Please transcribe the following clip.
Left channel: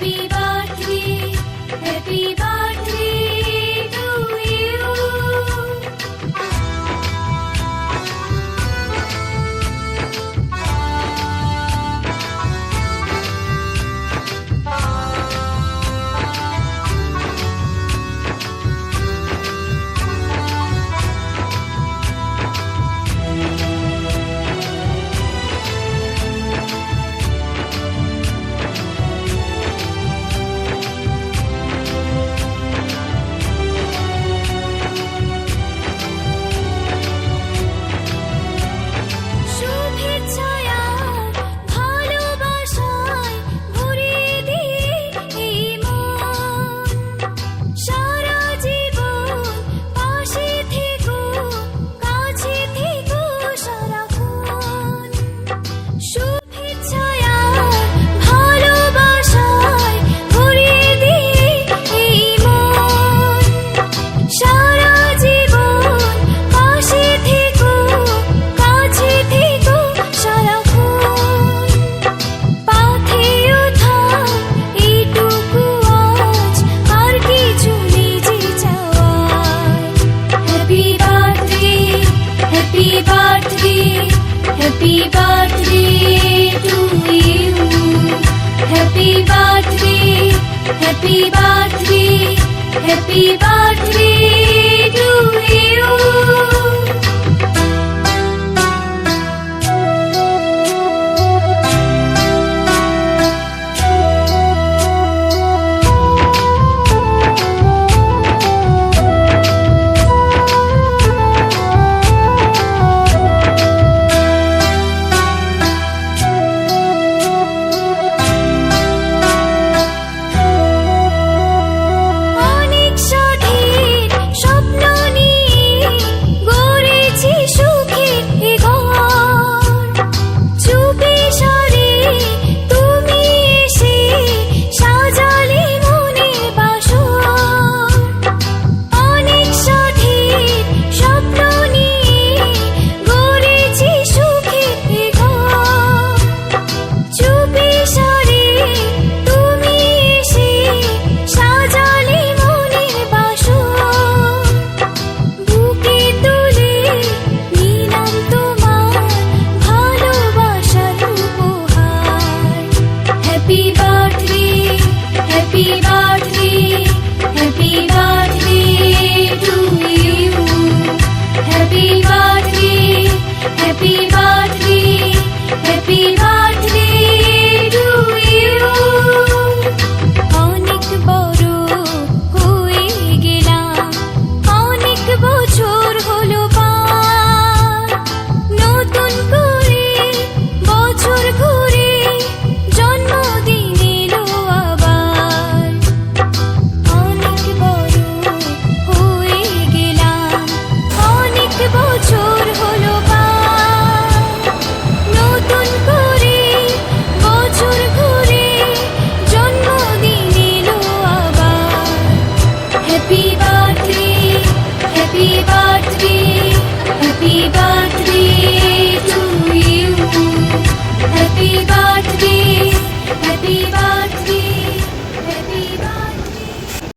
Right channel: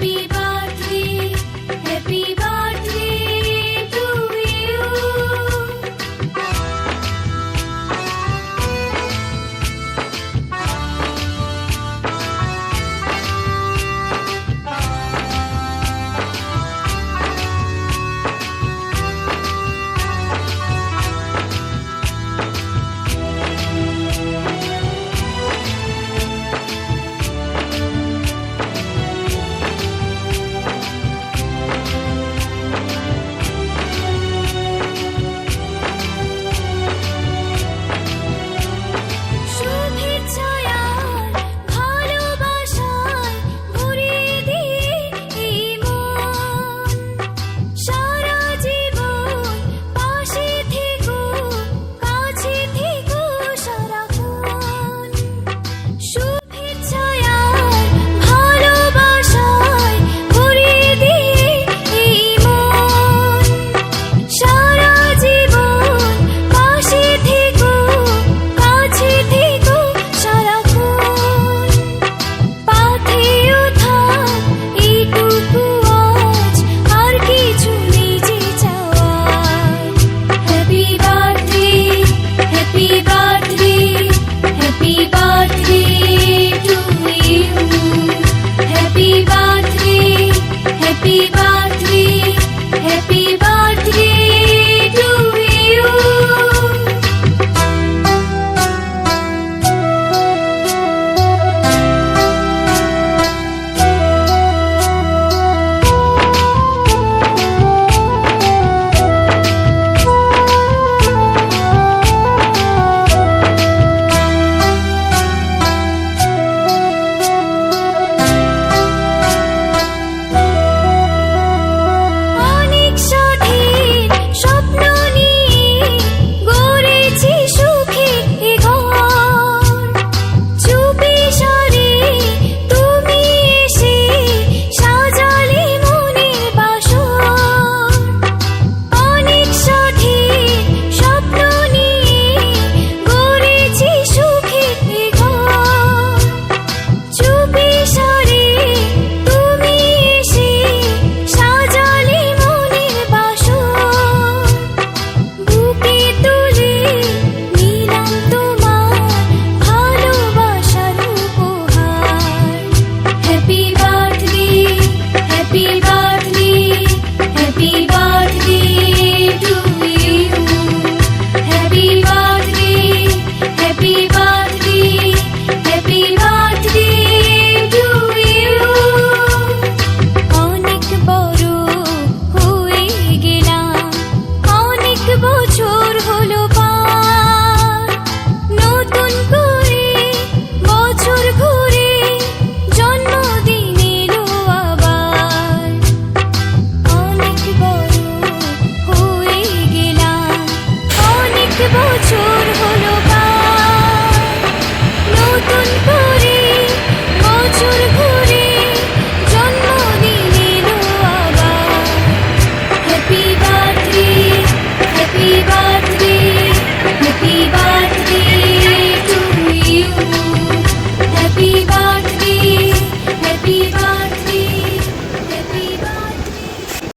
Happy birthday to you. Happy birthday, happy birthday, happy birthday to you. Happy birthday, happy birthday, happy birthday to you. Happy birthday, happy birthday, happy birthday to you. অনেক বড় হয়ে গেলাম, অনেক বছর হলো পার, নতুন করে বছর ঘুরে জন্মদিন এলো আবার। অনেক বড় হয়ে গেলাম, অনেক বছর হলো পার, নতুন করে বছর ঘুরে জন্মদিন এলো আবার। Happy birthday, happy birthday, happy birthday